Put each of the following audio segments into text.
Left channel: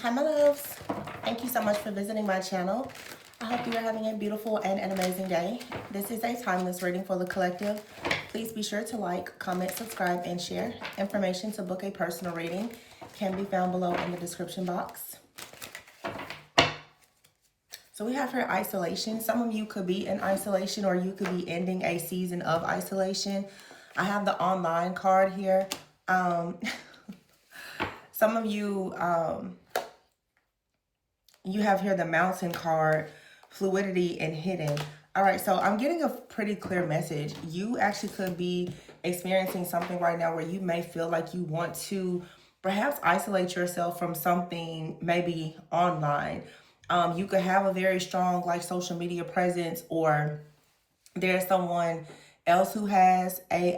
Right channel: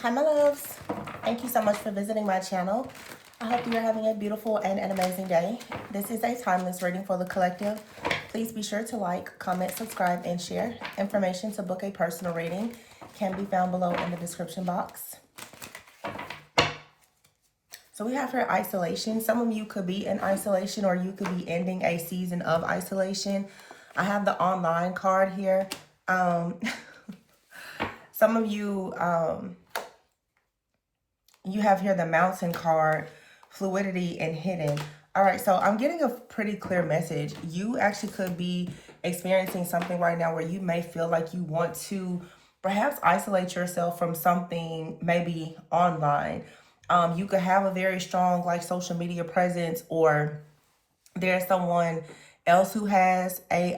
Hi my loves, thank you so much for visiting my channel. I hope you are having a beautiful and an amazing day. This is a timeless reading for the collective. Please be sure to like, comment, subscribe, and share. Information to book a personal reading can be found below in the description box. So we have here isolation. Some of you could be in isolation or you could be ending a season of isolation. I have the online card here. Some of you you have here the mountain card, fluidity and hidden. All right, so I'm getting a pretty clear message. You actually could be experiencing something right now where you may feel like you want to perhaps isolate yourself from something maybe online. You could have a very strong like social media presence, or there's someone else who has a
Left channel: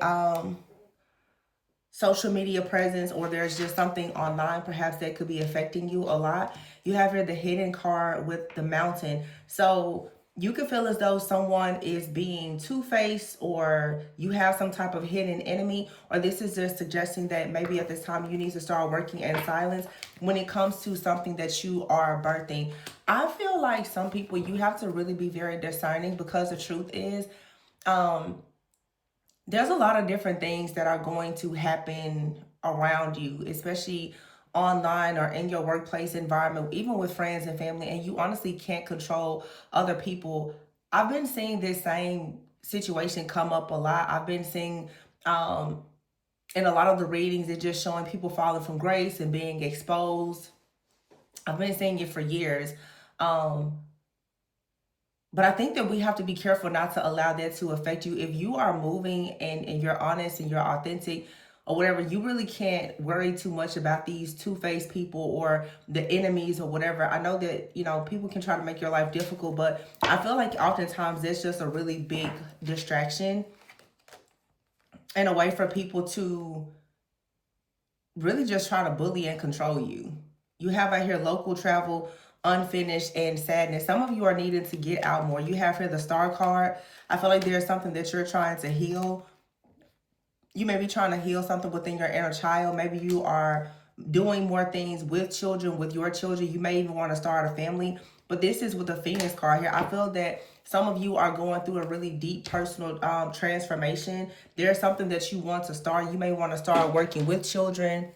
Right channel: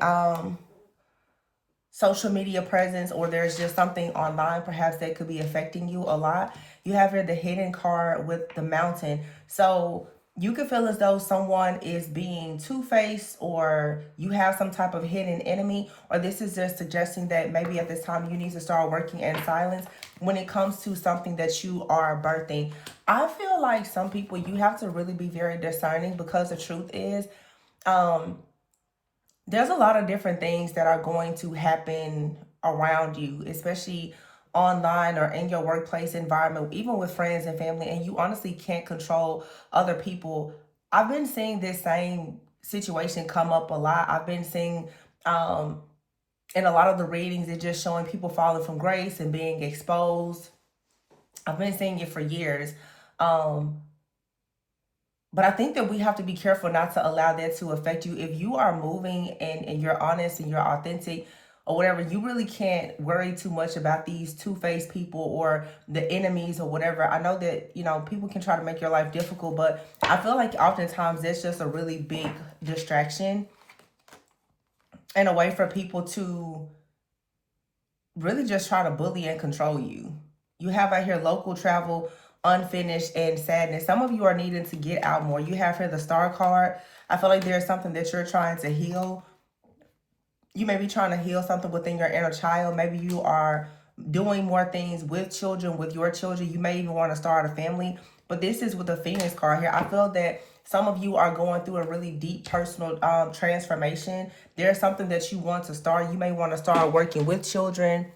social media presence, or there's just something online perhaps that could be affecting you a lot. You have here the hidden card with the mountain. So you could feel as though someone is being two-faced, or you have some type of hidden enemy, or this is just suggesting that maybe at this time you need to start working in silence when it comes to something that you are birthing. I feel like some people, you have to really be very discerning, because the truth is there's a lot of different things that are going to happen around you, especially online or in your workplace environment, even with friends and family, and you honestly can't control other people. I've been seeing this same situation come up a lot. I've been seeing in a lot of the readings, it's just showing people falling from grace and being exposed. I've been seeing it for years. Um, but I think that we have to be careful not to allow that to affect you. If you are moving and you're honest and you're authentic or whatever, you really can't worry too much about these two-faced people or the enemies or whatever. I know that, people can try to make your life difficult, but I feel like oftentimes that's just a really big distraction and a way for people to really just try to bully and control you. You have out here local travel, unfinished, and sadness. Some of you are needing to get out more. You have here the star card. I feel like there's something that you're trying to heal. You may be trying to heal something within your inner child. Maybe you are doing more things with children, with your children. You may even want to start a family. But this is with the Phoenix card here. I feel that some of you are going through a really deep personal transformation. There's something that you want to start. You may want to start working with children,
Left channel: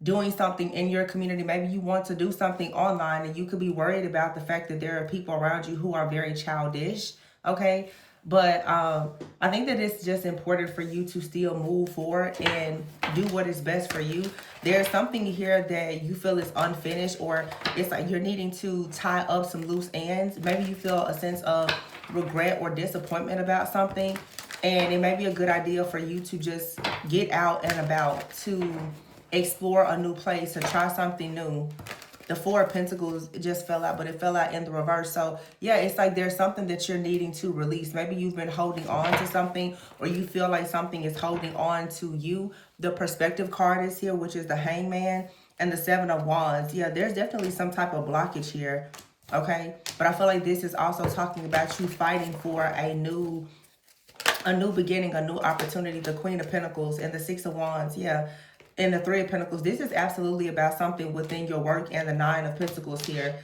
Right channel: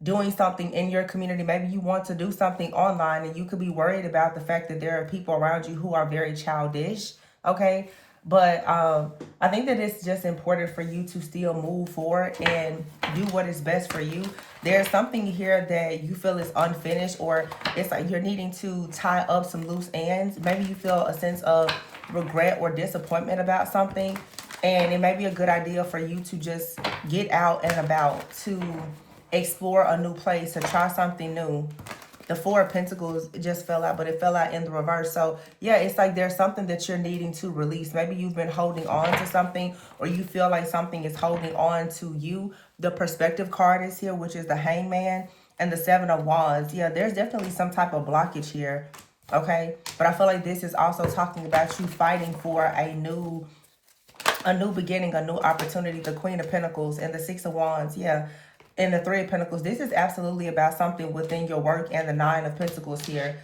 doing something in your community. Maybe you want to do something online, and you could be worried about the fact that there are people around you who are very childish. Okay. But I think that it's just important for you to still move forward and do what is best for you. There's something here that you feel is unfinished, or it's like you're needing to tie up some loose ends. Maybe you feel a sense of regret or disappointment about something, and it may be a good idea for you to just get out and about, to explore a new place, to try something new. The Four of Pentacles just fell out, but it fell out in the reverse. So yeah, it's like there's something that you're needing to release. Maybe you've been holding on to something, or you feel like something is holding on to you. The Perspective card is here, which is the Hangman, and the Seven of Wands. Yeah, there's definitely some type of blockage here. Okay, but I feel like this is also talking about you fighting for a new beginning, a new opportunity. The Queen of Pentacles and the Six of Wands. Yeah. And the Three of Pentacles. This is absolutely about something within your work, and the Nine of Pentacles here.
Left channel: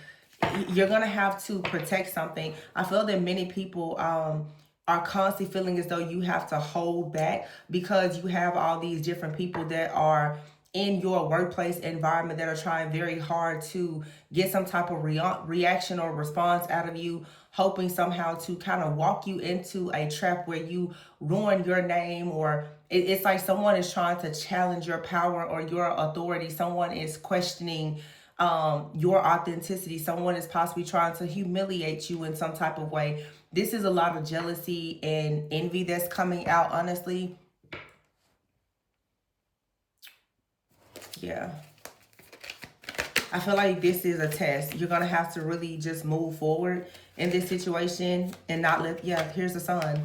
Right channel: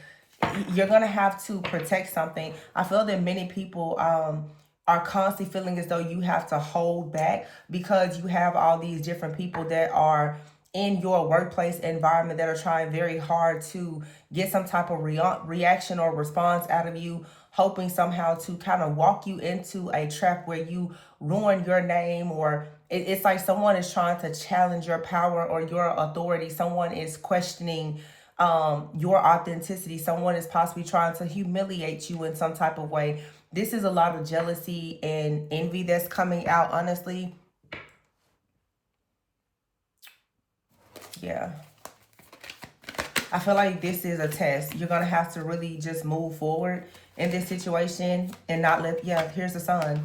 You're going to have to protect something. I feel that many people are constantly feeling as though you have to hold back, because you have all these different people that are in your workplace environment that are trying very hard to get some type of reaction or response out of you, hoping somehow to kind of walk you into a trap where you ruin your name, or it's like someone is trying to challenge your power or your authority. Someone is questioning your authenticity. Someone is possibly trying to humiliate you in some type of way. This is a lot of jealousy and envy that's coming out, honestly. Yeah. I feel like this is a test. You're going to have to really just move forward in this situation and not let, yeah, here's the Sun.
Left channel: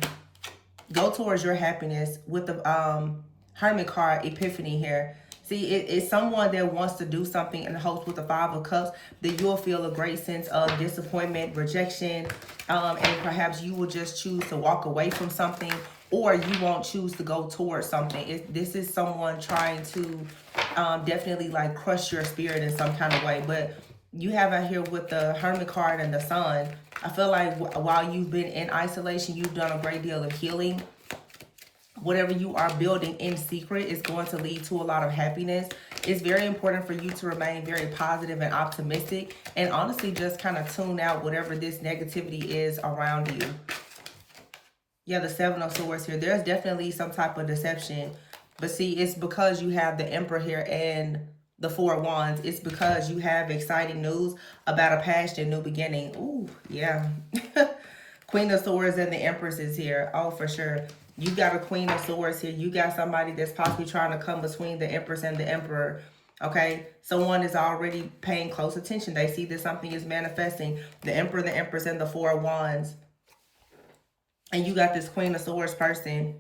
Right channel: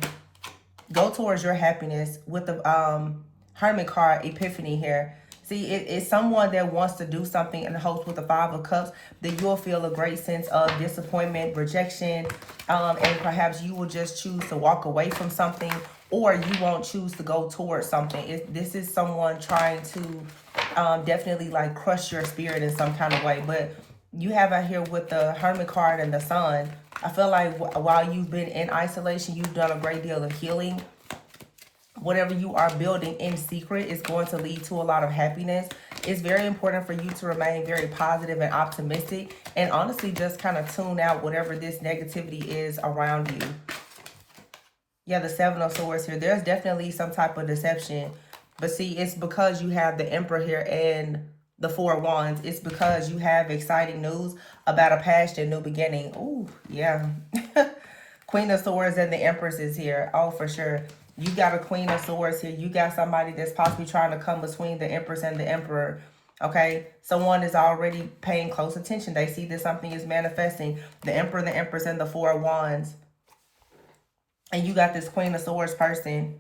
Go towards your happiness with the Hermit card, Epiphany here. See, it's someone that wants to do something in the hopes with the Five of Cups that you'll feel a great sense of disappointment, rejection, and perhaps you will just choose to walk away from something, or you won't choose to go towards something. This is someone trying to definitely like crush your spirit in some kind of way. But you have out here with the Hermit card and the Sun. I feel like while you've been in isolation, you've done a great deal of healing. Whatever you are building in secret is going to lead to a lot of happiness. It's very important for you to remain very positive and optimistic, and honestly just kind of tune out whatever this negativity is around you. Yeah, the Seven of Swords here. There's definitely some type of deception. But see, it's because you have the Emperor here and the Four of Wands. It's because you have exciting news about a past and new beginning. Ooh, yeah. Queen of Swords and the Empress is here. Oh, for sure. You got a Queen of Swords here. You got somebody that's possibly trying to come between the Empress and the Emperor. Okay, someone is already paying close attention. They see that something is manifesting. The Emperor, the Empress, and the Four of Wands. And you got this Queen of Swords person.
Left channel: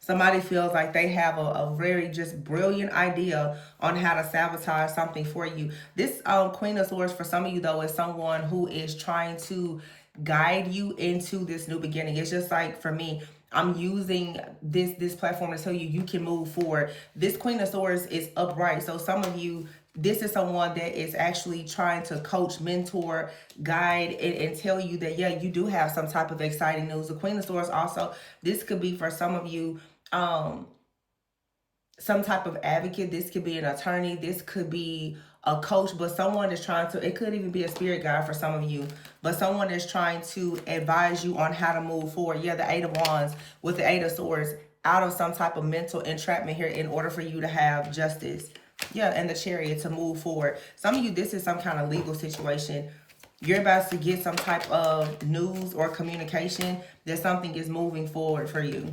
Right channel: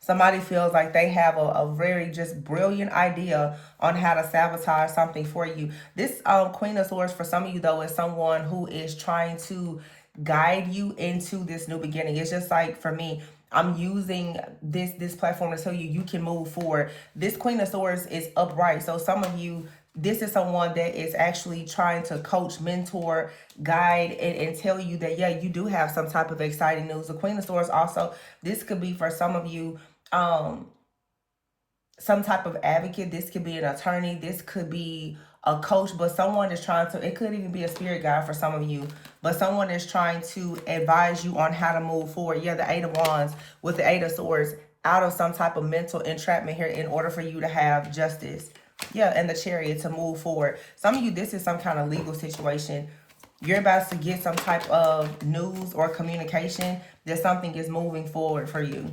Somebody feels like they have a very just brilliant idea on how to sabotage something for you. This Queen of Swords for some of you though is someone who is trying to guide you into this new beginning. It's just like for me, I'm using this platform to tell you can move forward. This Queen of Swords is upright. So some of you, this is someone that is actually trying to coach, mentor, guide, and tell you that, yeah, you do have some type of exciting news. The Queen of Swords also, this could be for some of you, some type of advocate. This could be an attorney. This could be a coach, but someone is trying to, it could even be a spirit guide for some of you, but someone is trying to advise you on how to move forward. Yeah, the Eight of Wands with the Eight of Swords, out of some type of mental entrapment here in order for you to have justice. Yeah, and the Chariot to move forward. Some of you, this is some kind of legal situation. You're about to get some type of news or communication that something is moving forward for you.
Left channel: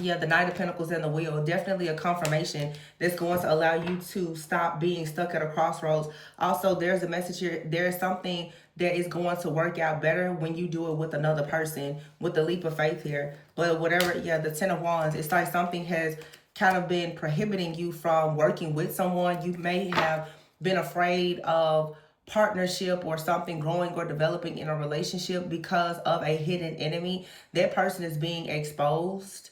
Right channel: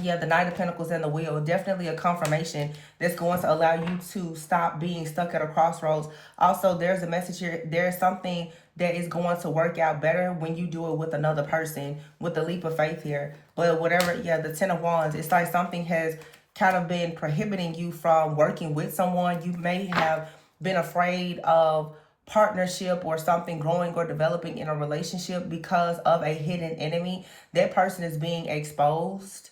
Yeah, the Knight of Pentacles and the Wheel. Definitely a confirmation that's going to allow you to stop being stuck at a crossroads. Also, there's a message here. There's something that is going to work out better when you do it with another person, with the leap of faith here. But whatever, yeah, the Ten of Wands. It's like something has kind of been prohibiting you from working with someone. You may have been afraid of partnership or something growing or developing in a relationship because of a hidden enemy. That person is being exposed.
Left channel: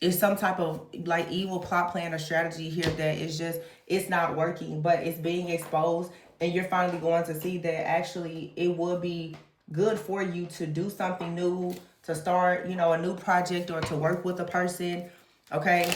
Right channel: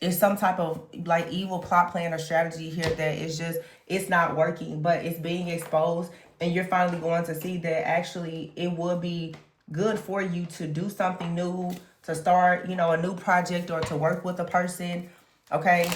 It's some type of like evil plot plan or strategy here that is just, it's not working, but it's being exposed, and you're finally going to see that actually it would be good for you to do something new, to start, you know, a new project or to work with a person. Okay,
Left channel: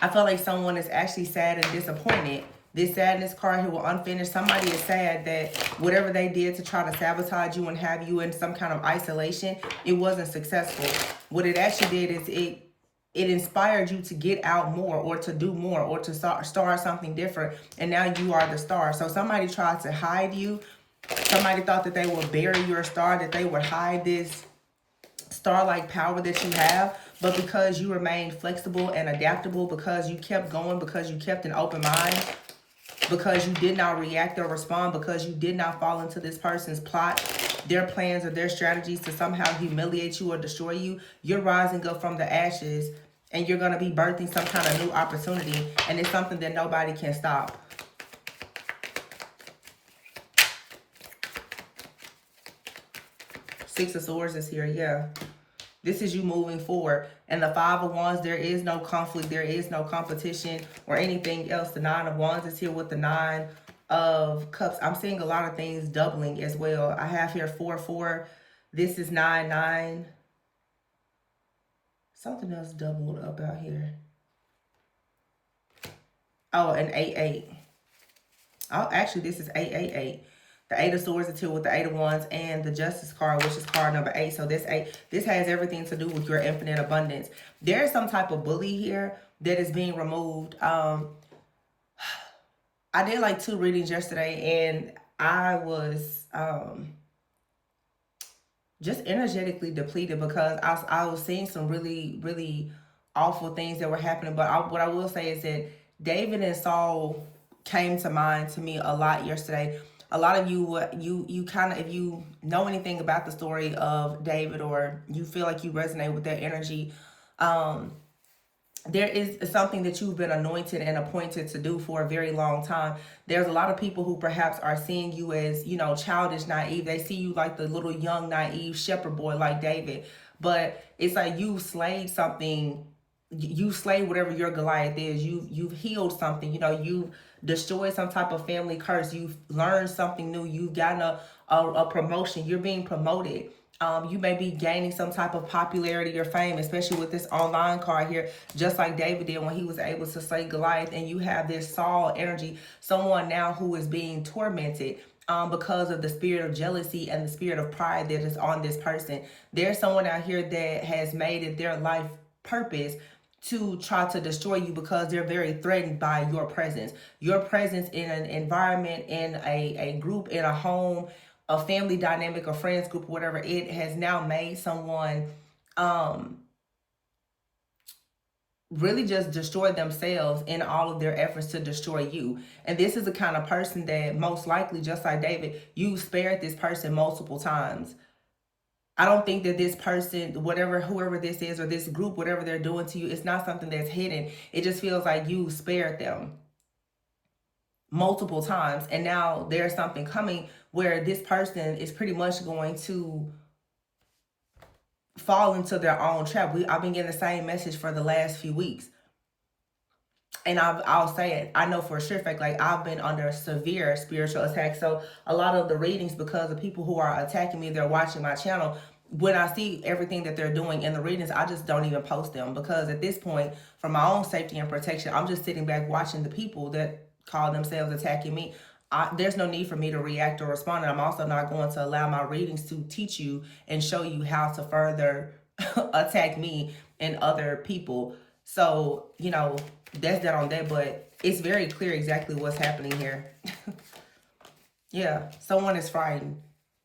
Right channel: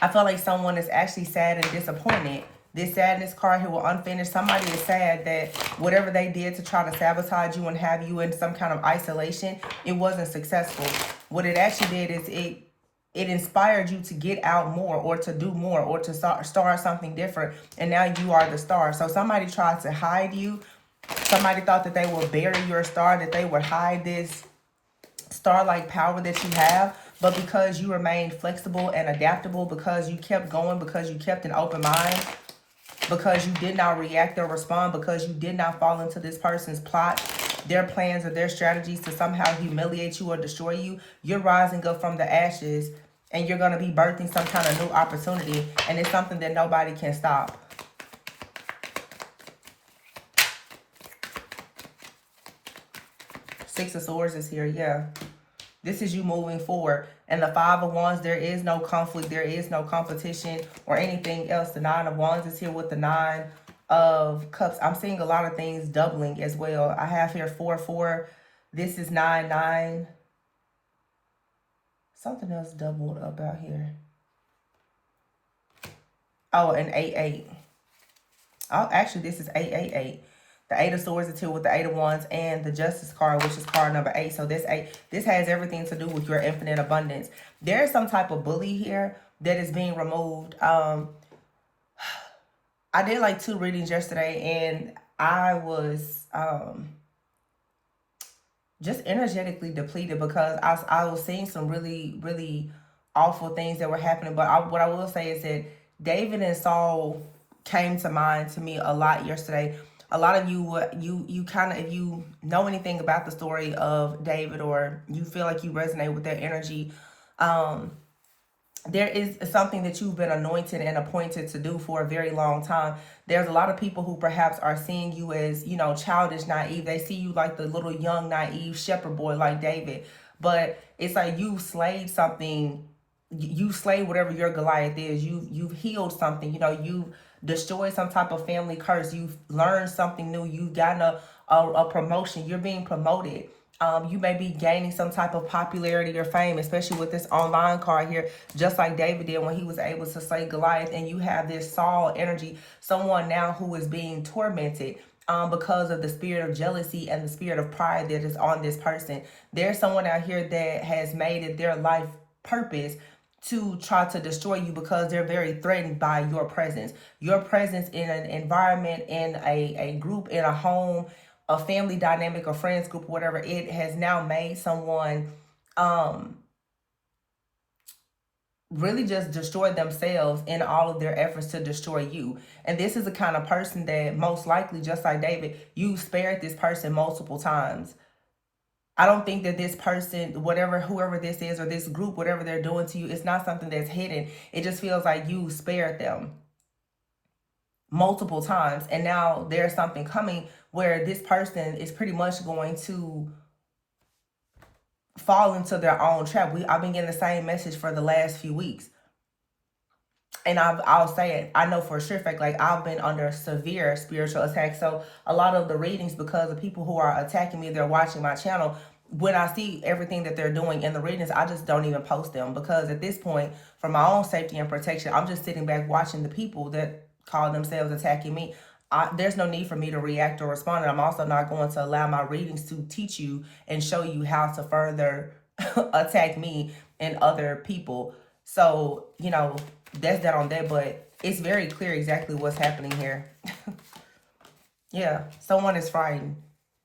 I feel like someone is actually sad and disappointed. This sadness card here will unfinished. Somebody is sad that whatever they did to try to sabotage you and have you in some kind of isolation, it wasn't successful. What it actually did is it inspired you to get out more or to do more or to start something different. And now you are the star. So somebody tried to hide you. Somebody thought that they would bury your star, that they would hide this star-like power that you have. But because you remained flexible and adaptable, because you kept going, because you kept an open mind, because you did not react or respond, because you did not fall into this person's plot, their plans or their strategies to somehow humiliate you or destroy you, you're rising up from the ashes and you're going to be birthing some kind of new opportunity, and it's something that nobody can stop. Six of Swords is here, yeah. This is you moving forward. And the Five of Wands, there is no conflict. There is no competition or anything else. The Nine of Wands is here with the Nine of Cups. I'm seeing a lot of things doubling as well. I have here 4, 4. This is 9, 9. Something else doubled up out here. Oh, and 8, 8. Oh, actually, this is 8, 8, 8. The Eight of Swords is here with the Eight of Wands and the Justice card, which is card number 8. So this 8, this has everything to do with your infinite abundance. There is some type of bully here that is being removed. I did like 2 readings yesterday, and I was just energetically depleted because I was seeing some really, really awful things that were happening. But what I will say is that David and Saul came to mind to me a lot yesterday. A lot of you kind of, if you know anything about the story of David or you feel like you resonate with that energy, there is something that you've been anointed and appointed to do for a very long time. There's a lot of people who perhaps are seeing you as, you know, childish, naive. They see you like the little young, naive shepherd boy like David. But it's like you slayed something. You slayed whatever your Goliath is. You've healed something. You know, you've destroyed some type of family curse. You've learned something new. You've gotten a promotion. You're being promoted. You may be gaining some type of popularity or fame, especially with this online card here, just like David did when he was able to slay Goliath. And you have this Saul energy, someone now who is being tormented because of the spirit of jealousy and the spirit of pride that is on this person. There's someone out here that has made it their life purpose to try to destroy you because they're very threatened by your presence. Your presence in an environment, in a group, in a home, a family dynamic, a friends group, whatever, it has now made someone really just destroy themselves in all of their efforts to destroy you. And this is the kind of person that most likely, just like David, you spared this person multiple times. I don't think that this person, whoever this is, or this group, whatever they're doing to you, it's not something that's hidden. It just feels like you spared them multiple times. And now there's something coming where this person is pretty much going to fall into their own trap. I've been getting the same message for the last few weeks. And I'll say it, I know for a sure fact, like I've been under severe spiritual attack. So a lot of the readings, because of people who are attacking me, they're watching my channel. When I see everything that they're doing in the readings, I just don't even post them, because at this point, for my own safety and protection, I'm just sitting back watching the people that call themselves attacking me. There's no need for me to react or respond. And I'm also not going to allow my readings to teach you and show you how to further attack me and other people. So, you know, that's that on that, but it's very clear exactly what's happening here. Yeah, someone is frightened.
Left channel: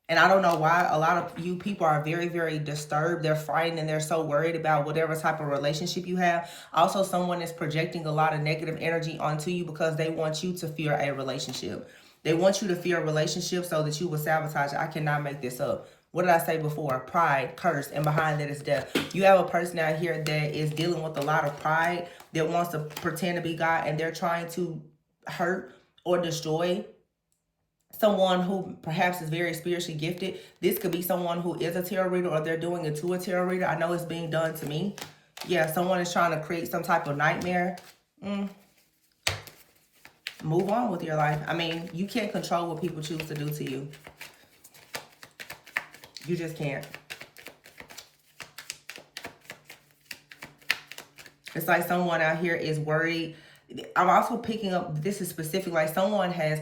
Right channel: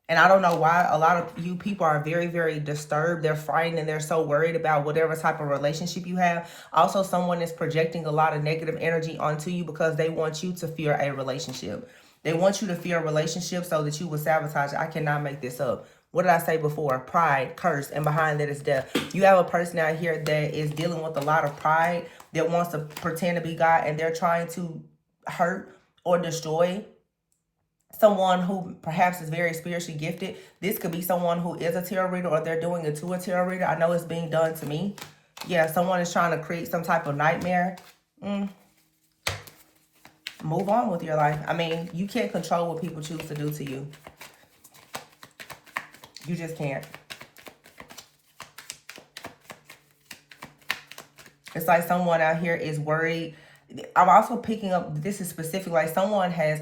And I don't know why a lot of you people are very, very disturbed. They're frightened and they're so worried about whatever type of relationship you have. Also, someone is projecting a lot of negative energy onto you because they want you to fear a relationship. They want you to fear a relationship so that you will sabotage it. I cannot make this up. What did I say before? Pride, curse, and behind that is death. You have a person out here that is dealing with a lot of pride, that wants to pretend to be God, and they're trying to hurt or destroy someone who perhaps is very spiritually gifted. This could be someone who is a tarot reader, or they're doing it to a tarot reader. I know it's being done to me. Yeah, someone is trying to create some type of nightmare. Move on with your life. I mean, you can't control what people choose to do to you. You just can't. It's like someone out here is worried. I'm also picking up, this is specific, like someone has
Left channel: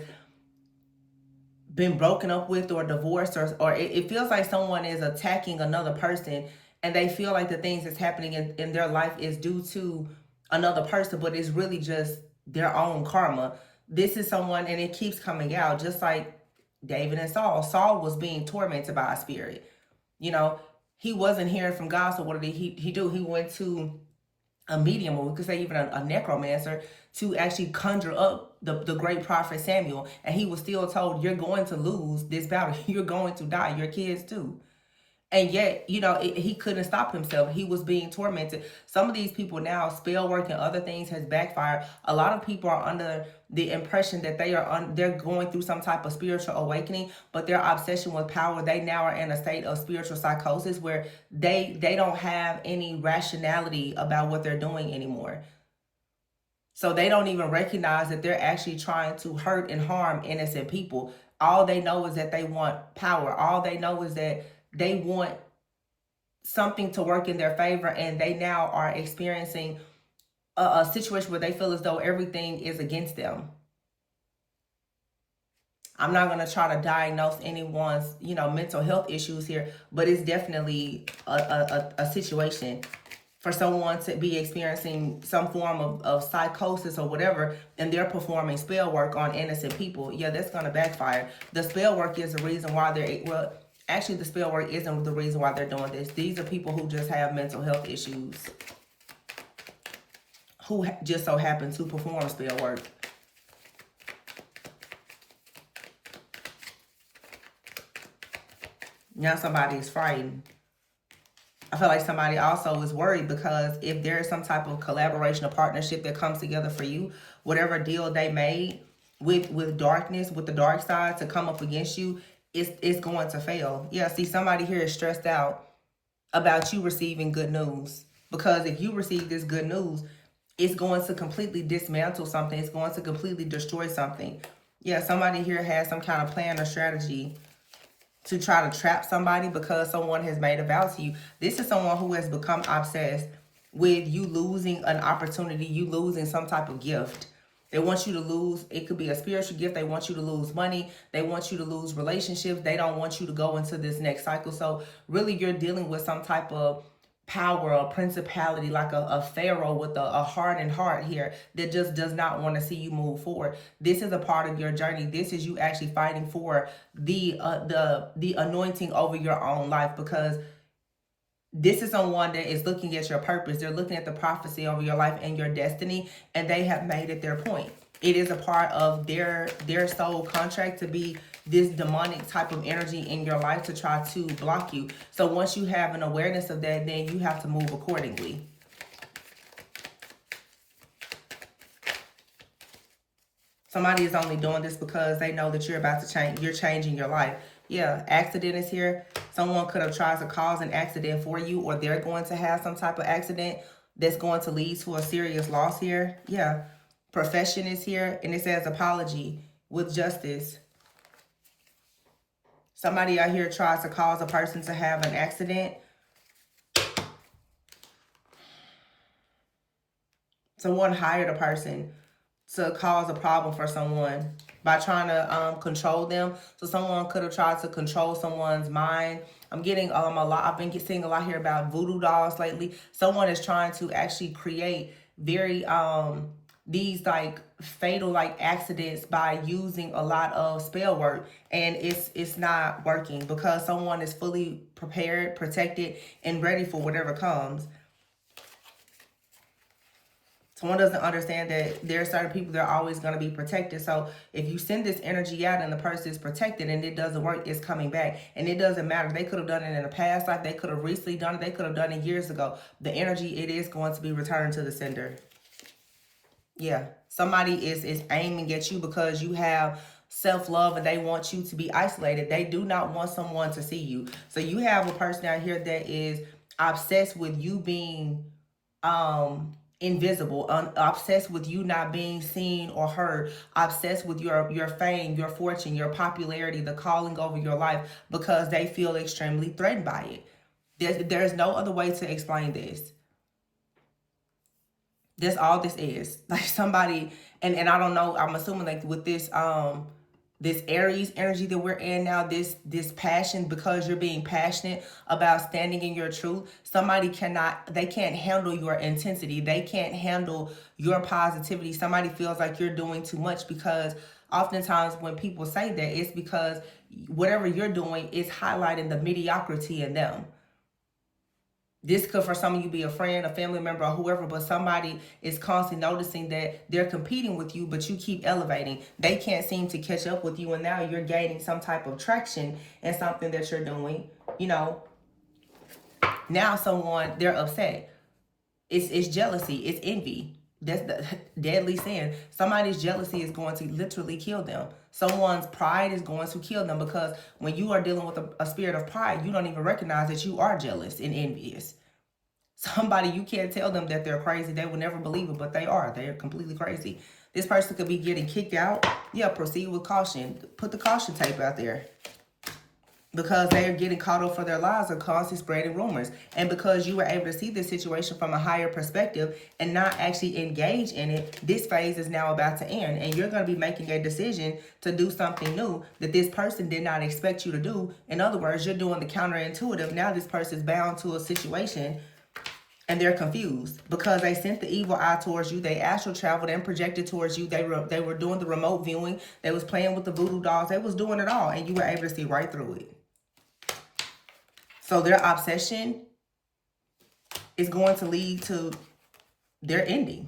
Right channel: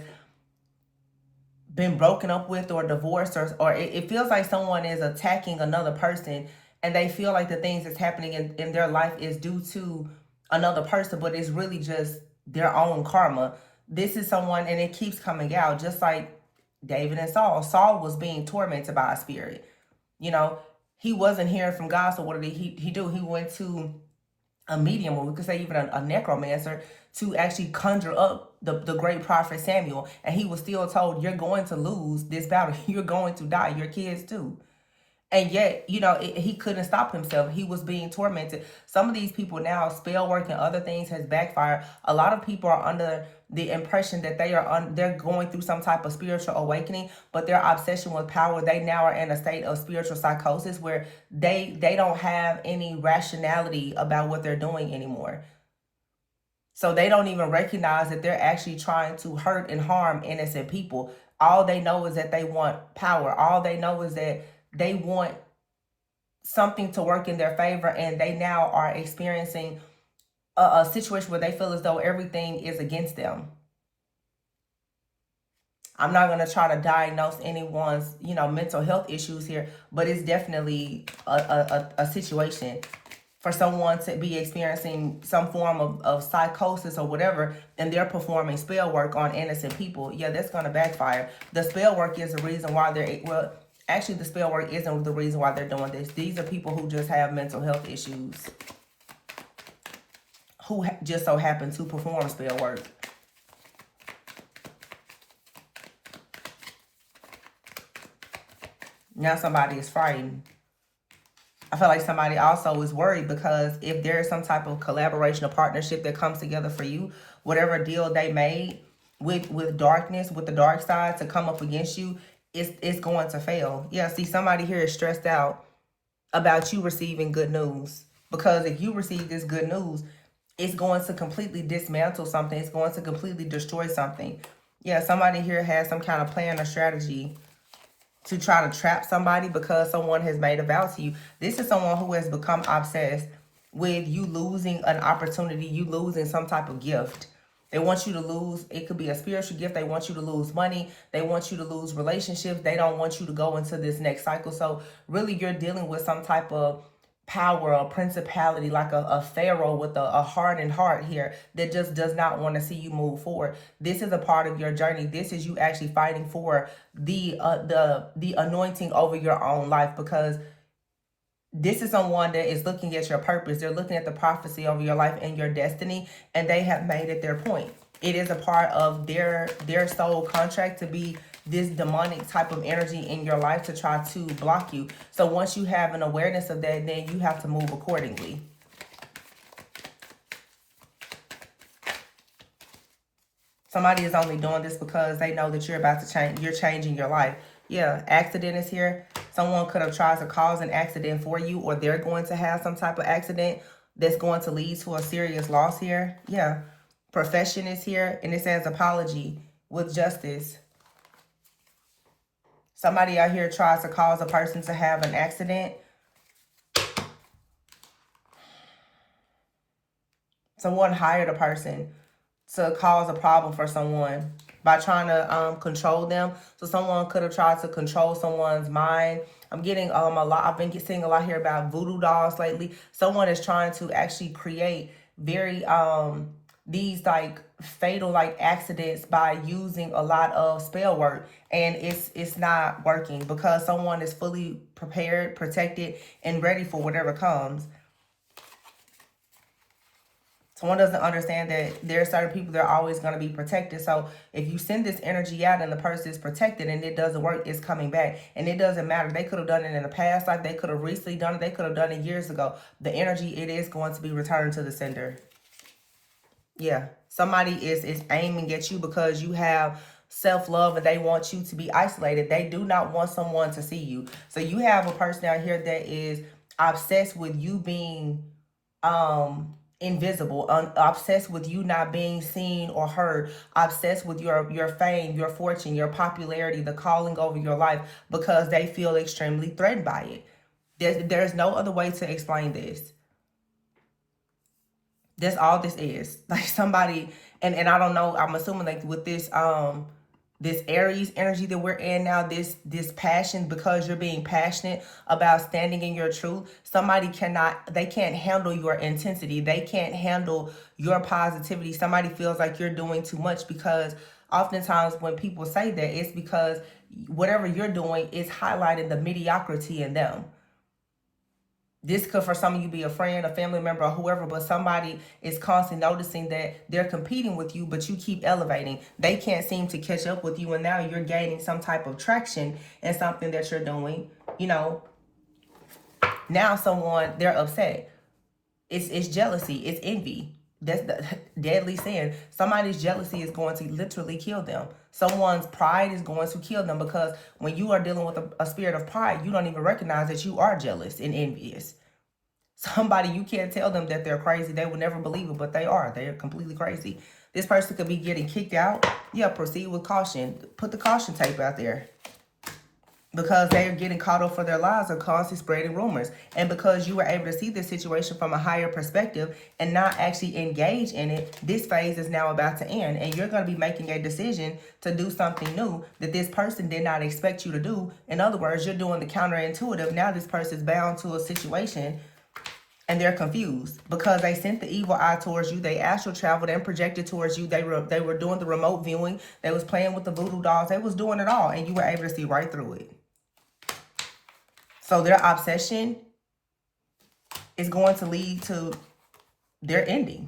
been broken up with or divorced, or it feels like someone is attacking another person, and they feel like the things that's happening in their life is due to another person, but it's really just their own karma. This is someone, and it keeps coming out, just like David and Saul. Saul was being tormented by a spirit. You know, he wasn't hearing from God, so what did he do? He went to a medium, or we could say even a necromancer, to actually conjure up the great prophet Samuel. And he was still told, you're going to lose this battle. You're going to die. Your kids too. And yet, you know, he couldn't stop himself. He was being tormented. Some of these people now, spell work and other things has backfired. A lot of people are under the impression that they're going through some type of spiritual awakening, but their obsession with power, they now are in a state of spiritual psychosis where they don't have any rationality about what they're doing anymore. So they don't even recognize that they're actually trying to hurt and harm innocent people. All they know is that they want power. All they know is that they want something to work in their favor, and they now are experiencing a situation where they feel as though everything is against them. I'm not going to try to diagnose anyone's, you know, mental health issues here, but it's definitely a situation for someone to be experiencing some form of psychosis or whatever, and they're performing spell work on innocent people. Yeah, that's going to backfire. The spell work is the reason why well, actually the spell work isn't the reason why they're doing this. These are people who just have mental health issues, who just so happen to perform spell work. Now somebody is frightened. I feel like somebody also is worried because if there is some type of collaboration or partnership that comes together for you, whatever deal they made with darkness, with the dark side to come up against you, it's going to fail. Yeah, see, somebody here is stressed out about you receiving good news. Because if you receive this good news, it's going to completely dismantle something. It's going to completely destroy something. Yeah, somebody here has some kind of plan or strategy to try to trap somebody because someone has made a vow to you. This is someone who has become obsessed with you losing an opportunity, you losing some type of gift. They want you to lose, it could be a spiritual gift. They want you to lose money. They want you to lose relationships. They don't want you to go into this next cycle. So really you're dealing with some type of power, a principality, like a pharaoh with a hardened heart here that just does not want to see you move forward. This is a part of your journey. This is you actually fighting for the anointing over your own life, because this is someone that is looking at your purpose. They're looking at the prophecy over your life and your destiny, and they have made it their point. It is a part of their soul contract to be this demonic type of energy in your life to try to block you. So once you have an awareness of that, then you have to move accordingly. Somebody is only doing this because they know that you're about to change. You're changing your life. Yeah, accident is here. Someone could have tried to cause an accident for you, or they're going to have some type of accident that's going to lead to a serious loss here. Yeah, profession is here, and it says apology with justice. Somebody out here tries to cause a person to have an accident. Someone hired a person to cause a problem for someone by trying to control them. So someone could have tried to control someone's mind. I'm getting a lot. I've been seeing a lot here about voodoo dolls lately. Someone is trying to actually create very these like fatal like accidents by using a lot of spell work, and it's not working because someone is fully prepared, protected, and ready for whatever comes. Someone doesn't understand that there are certain people that are always going to be protected. So if you send this energy out and the person is protected and it doesn't work, it's coming back. And it doesn't matter. They could have done it in the past life. They could have recently done it. They could have done it years ago. The energy, it is going to be returned to the sender. Yeah. Somebody is aiming at you because you have self-love and they want you to be isolated. They do not want someone to see you. So you have a person out here that is obsessed with you being invisible, obsessed with you not being seen or heard, obsessed with your fame, your fortune, your popularity, the calling over your life, because they feel extremely threatened by it. There's no other way to explain this. That's all this is. Like somebody, and I don't know, I'm assuming like with this Aries energy that we're in now, this passion, because you're being passionate about standing in your truth, somebody they can't handle your intensity. They can't handle your positivity. Somebody feels like you're doing too much, because oftentimes when people say that, it's because whatever you're doing is highlighting the mediocrity in them. This could, for some of you, be a friend, a family member, or whoever, but somebody is constantly noticing that they're competing with you, but you keep elevating. They can't seem to catch up with you, and now you're gaining some type of traction in something that you're doing. You know, now they're upset. It's jealousy. It's envy. That's the deadly sin. Somebody's jealousy is going to literally kill them. Someone's pride is going to kill them, because when you are dealing with a spirit of pride, you don't even recognize that you are jealous and envious. Somebody, you can't tell them that they're crazy. They will never believe it, but they are. They are completely crazy. This person could be getting kicked out. Yeah, proceed with caution. Put the caution tape out there. Because they are getting caught up for their lives or constantly spreading rumors. And because you were able to see this situation from a higher perspective and not actually engage in it, this phase is now about to end. And you're going to be making a decision to do something new that this person did not expect you to do. In other words, you're doing the counterintuitive. Now this person is bound to a situation and they're confused because they sent the evil eye towards you. They astral traveled and projected towards you. They were doing the remote viewing. They was playing with the voodoo dolls. They was doing it all, and you were able to see right through it. So their obsession is going to lead to their ending.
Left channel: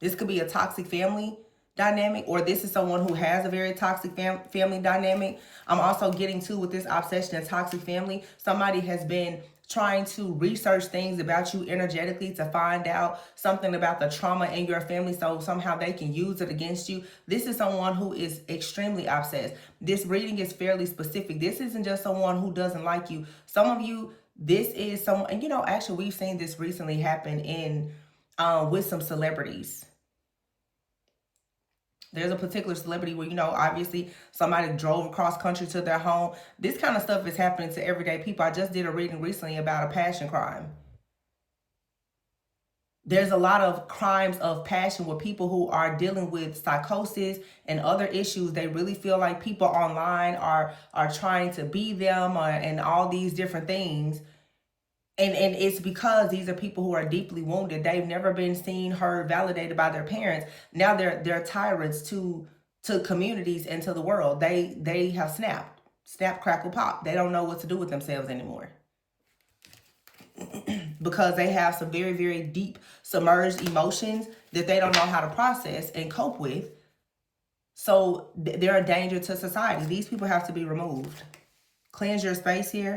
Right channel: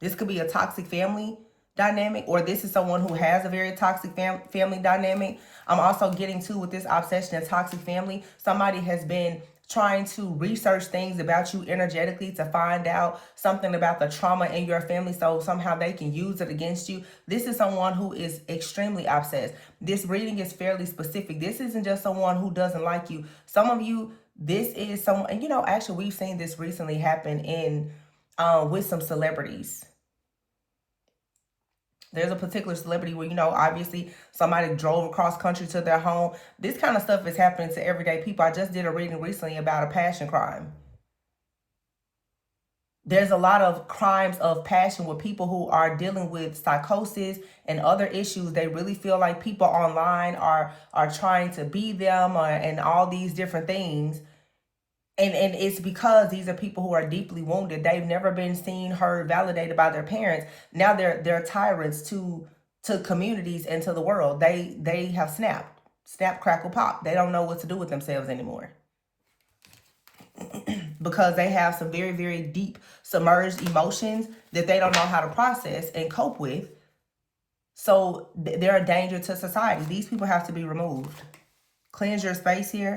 This could be a toxic family dynamic, or this is someone who has a very toxic family dynamic. I'm also getting to, with this obsession and toxic family, somebody has been trying to research things about you energetically to find out something about the trauma in your family so somehow they can use it against you. This is someone who is extremely obsessed. This reading is fairly specific. This isn't just someone who doesn't like you. Some of you, this is someone, and actually we've seen this recently happen in with some celebrities. There's a particular celebrity where, obviously somebody drove across country to their home. This kind of stuff is happening to everyday people. I just did a reading recently about a passion crime. There's a lot of crimes of passion with people who are dealing with psychosis and other issues. They really feel like people online are trying to be them and all these different things. And it's because these are people who are deeply wounded. They've never been seen, heard, validated by their parents. Now they're tyrants to communities and to the world. They have snap, crackle, pop. They don't know what to do with themselves anymore because they have some very, very deep submerged emotions that they don't know how to process and cope with. So they're a danger to society. These people have to be removed. Cleanse your space here.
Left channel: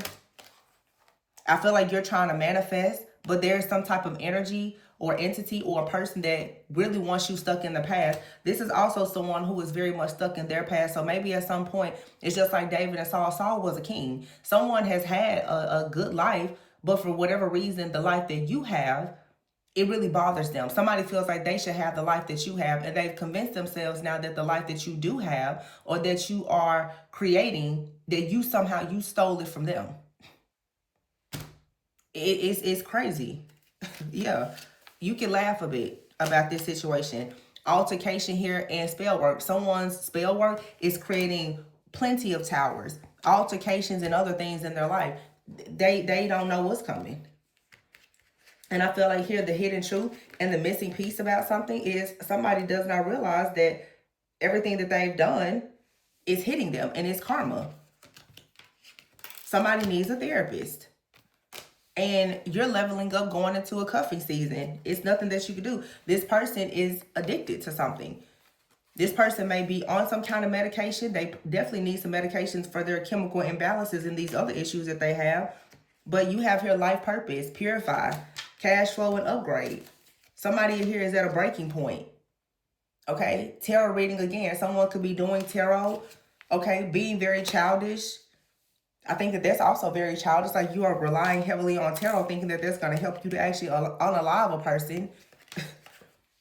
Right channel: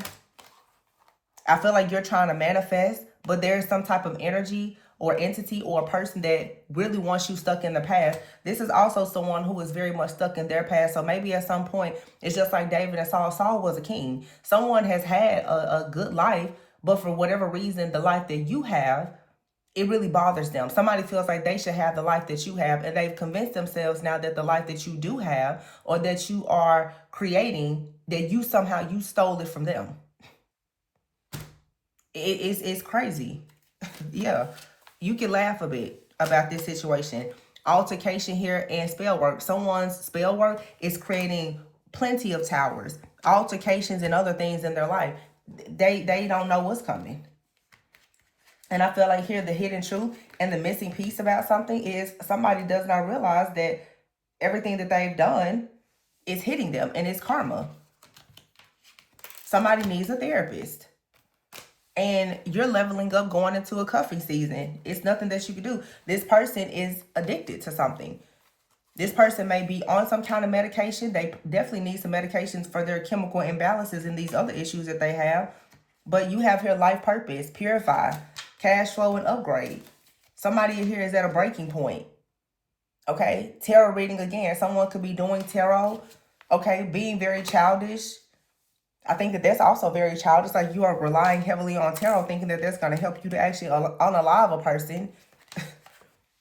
I feel like you're trying to manifest, but there's some type of energy or entity or a person that really wants you stuck in the past. This is also someone who is very much stuck in their past. So maybe at some point, it's just like David and Saul. Saul was a king. Someone has had a good life, but for whatever reason, the life that you have, it really bothers them. Somebody feels like they should have the life that you have, and they've convinced themselves now that the life that you do have or that you are creating, that you somehow stole it from them. It's crazy. Yeah, you can laugh a bit about this situation. Altercation here and spell work. Someone's spell work is creating plenty of towers, altercations, and other things in their life. They don't know what's coming. And I feel like here the hidden truth and the missing piece about something is somebody does not realize that everything that they've done is hitting them and it's karma. Somebody needs a therapist. And you're leveling up going into a cuffing season. It's nothing that you can do. This person is addicted to something. This person may be on some kind of medication. They definitely need some medications for their chemical imbalances and these other issues that they have. But you have here life purpose, purify, cash flow, and upgrade. Somebody here is at a breaking point. Okay, tarot reading again. Someone could be doing tarot. Okay, being very childish. I think that that's also very childish. Like you are relying heavily on tarot, thinking that that's going to help you to actually unalive a person.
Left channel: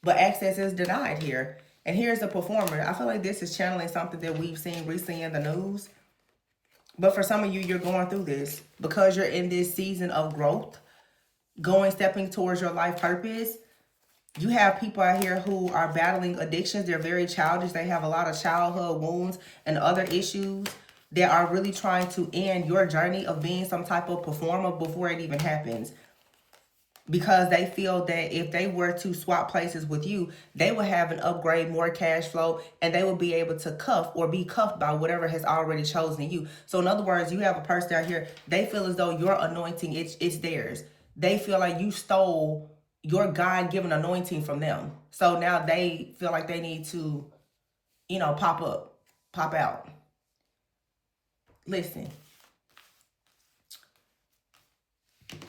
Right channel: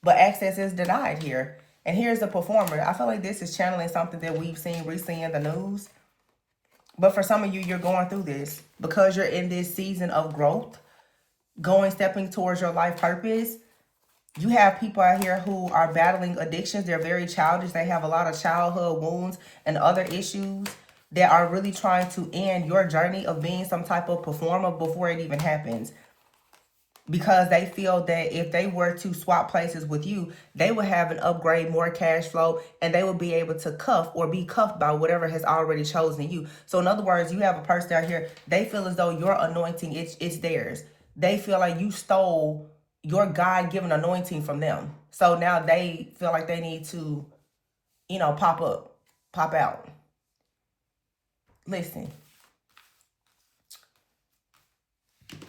But access is denied here. And here's the performer. I feel like this is channeling something that we've seen recently in the news. But for some of you, you're going through this because you're in this season of growth, stepping towards your life purpose. You have people out here who are battling addictions. They're very childish. They have a lot of childhood wounds and other issues that are really trying to end your journey of being some type of performer before it even happens. Because they feel that if they were to swap places with you, they would have an upgrade, more cash flow, and they will be able to cuff or be cuffed by whatever has already chosen you. So in other words, you have a person out here, they feel as though your anointing, it's theirs. They feel like you stole your God-given anointing from them. So now they feel like they need to, pop up, pop out. Listen,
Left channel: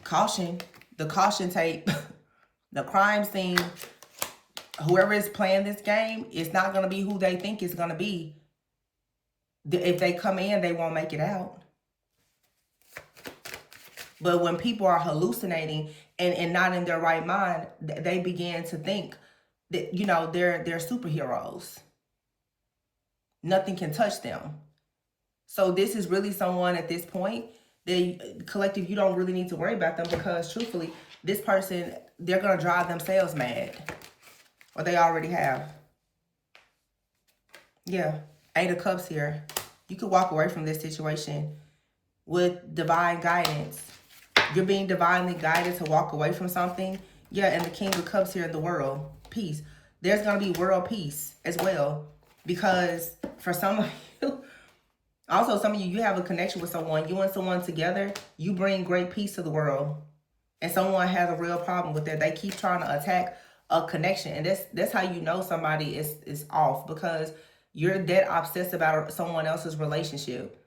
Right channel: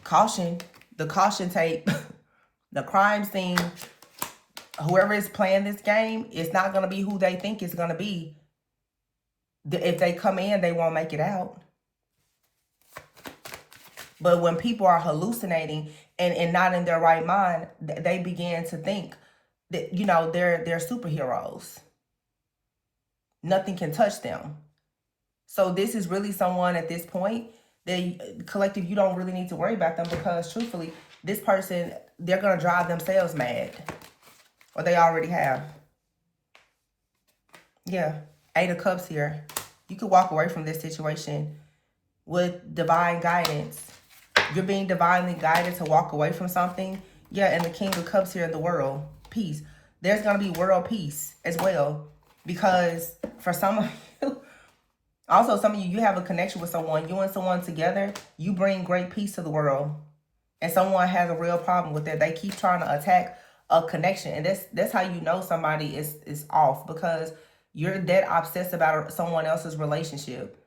caution, the caution tape, the crime scene, whoever is playing this game, it's not going to be who they think it's going to be. If they come in, they won't make it out. But when people are hallucinating and not in their right mind, they begin to think that, they're superheroes. Nothing can touch them. So this is really someone at this point, the collective, you don't really need to worry about them because truthfully, this person, they're going to drive themselves mad. Or they already have. Yeah. 8 of Cups here. You could walk away from this situation with divine guidance. You're being divinely guided to walk away from something. Yeah, and the King of Cups here in the world. Peace. There's going to be world peace as well. Because for some of you, also some of you have a connection with someone. You and someone together, you bring great peace to the world. And someone has a real problem with it. They keep trying to attack a connection. And that's how you know somebody is off. Because you're that obsessed about someone else's relationship.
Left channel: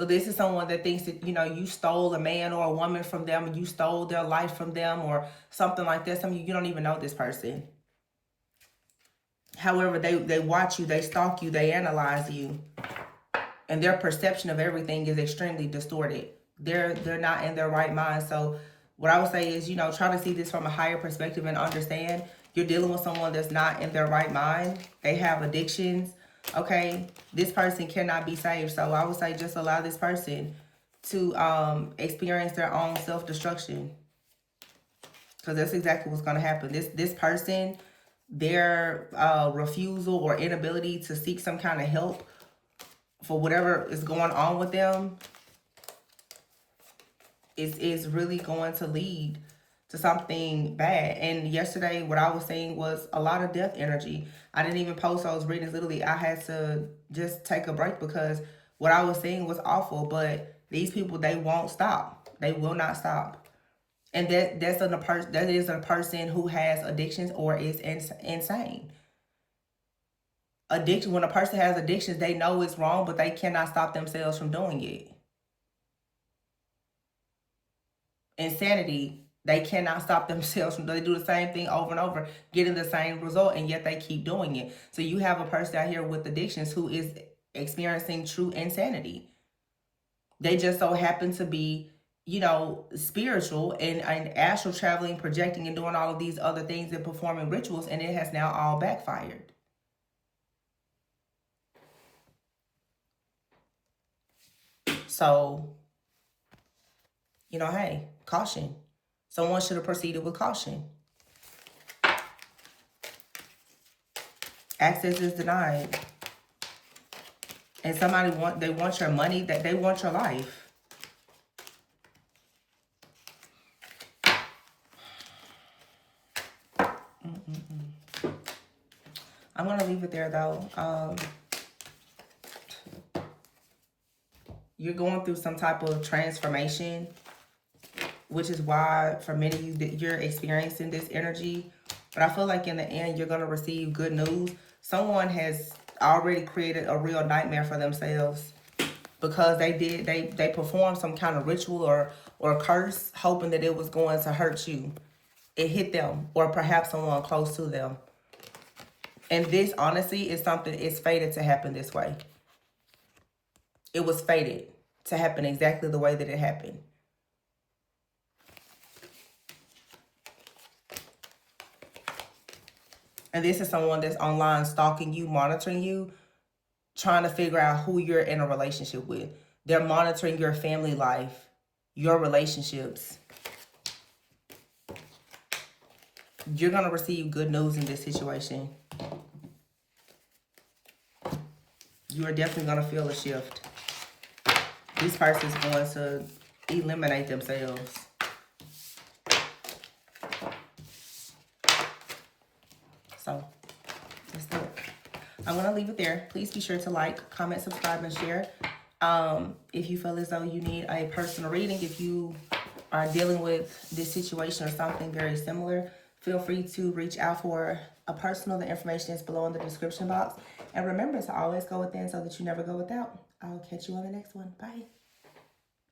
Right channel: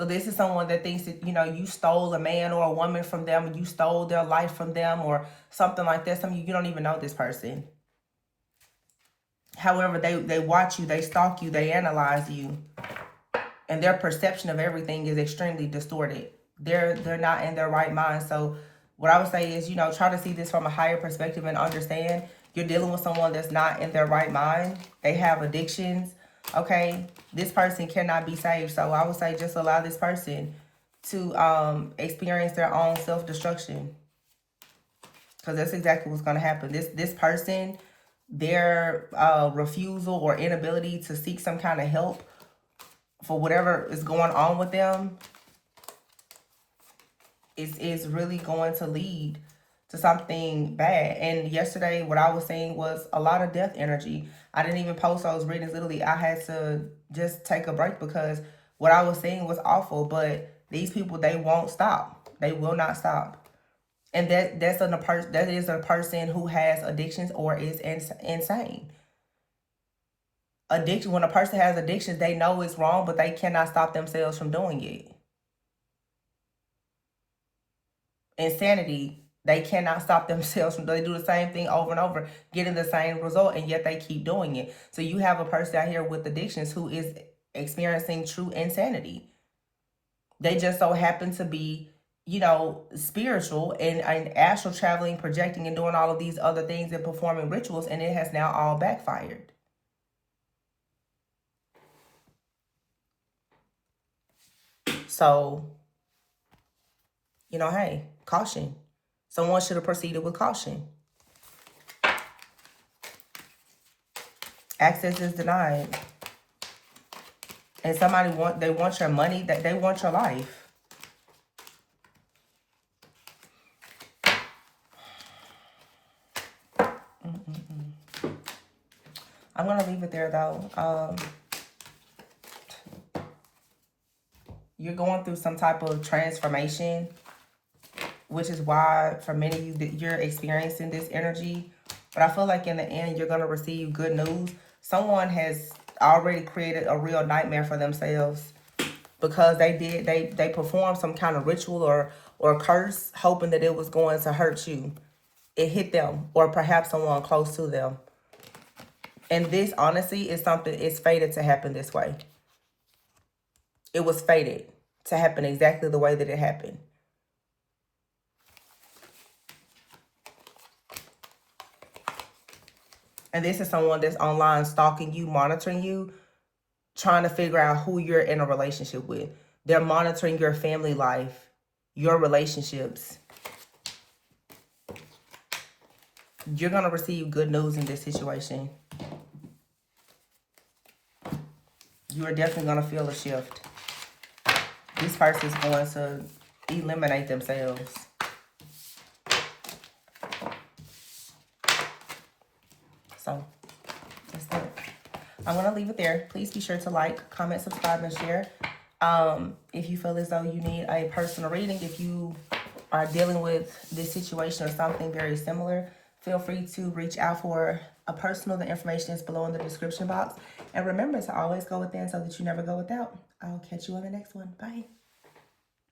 So this is someone that thinks that, you know, you stole a man or a woman from them, and you stole their life from them or something like that. Some of you don't even know this person. However, they watch you, they stalk you, they analyze you. And their perception of everything is extremely distorted. They're not in their right mind. So what I would say is, you know, try to see this from a higher perspective and understand you're dealing with someone that's not in their right mind. They have addictions. Okay, this person cannot be saved. So I would say just allow this person to experience their own self-destruction, because that's exactly what's going to happen. This person, their refusal or inability to seek some kind of help for whatever is going on with them is really going to lead to something bad. And yesterday, what I was saying was a lot of death energy. I didn't even post those readings. Literally, I had to just take a break because what I was saying was awful. But these people, they won't stop. They will not stop. And that is a person who has addictions or is insane. Addiction. When a person has addictions, they know it's wrong, but they cannot stop themselves from doing it. Insanity, they cannot stop themselves from, they do the same thing over and over, getting the same result, and yet they keep doing it. So you have a person out here with addictions who is experiencing true insanity. They just so happen to be, you know, spiritual and astral traveling, projecting, and doing all of these other things and performing rituals, and it has now all backfired. So, you know, hey, caution. Someone should have proceeded with caution. Access is denied. And somebody they want your money, that they want your life. I'm going to leave it there, though. You're going through some type of transformation, which is why for many of you that you're experiencing this energy. But I feel like in the end, you're going to receive good news. Someone has already created a real nightmare for themselves because they performed some kind of ritual or curse, hoping that it was going to hurt you. It hit them, or perhaps someone close to them. And this, honestly, is something, it's fated to happen this way. It was fated to happen exactly the way that it happened. And this is someone that's online stalking you, monitoring you, trying to figure out who you're in a relationship with. They're monitoring your family life, your relationships. You're going to receive good news in this situation. You are definitely going to feel a shift. This person is going to eliminate themselves. So, that's it. I'm going to leave it there. Please be sure to like, comment, subscribe, and share. If you feel as though you need a personal reading, if you are dealing with this situation or something very similar, feel free to reach out for a personal. The information is below in the description box. And remember to always go within so that you never go without. I'll catch you on the next one. Bye.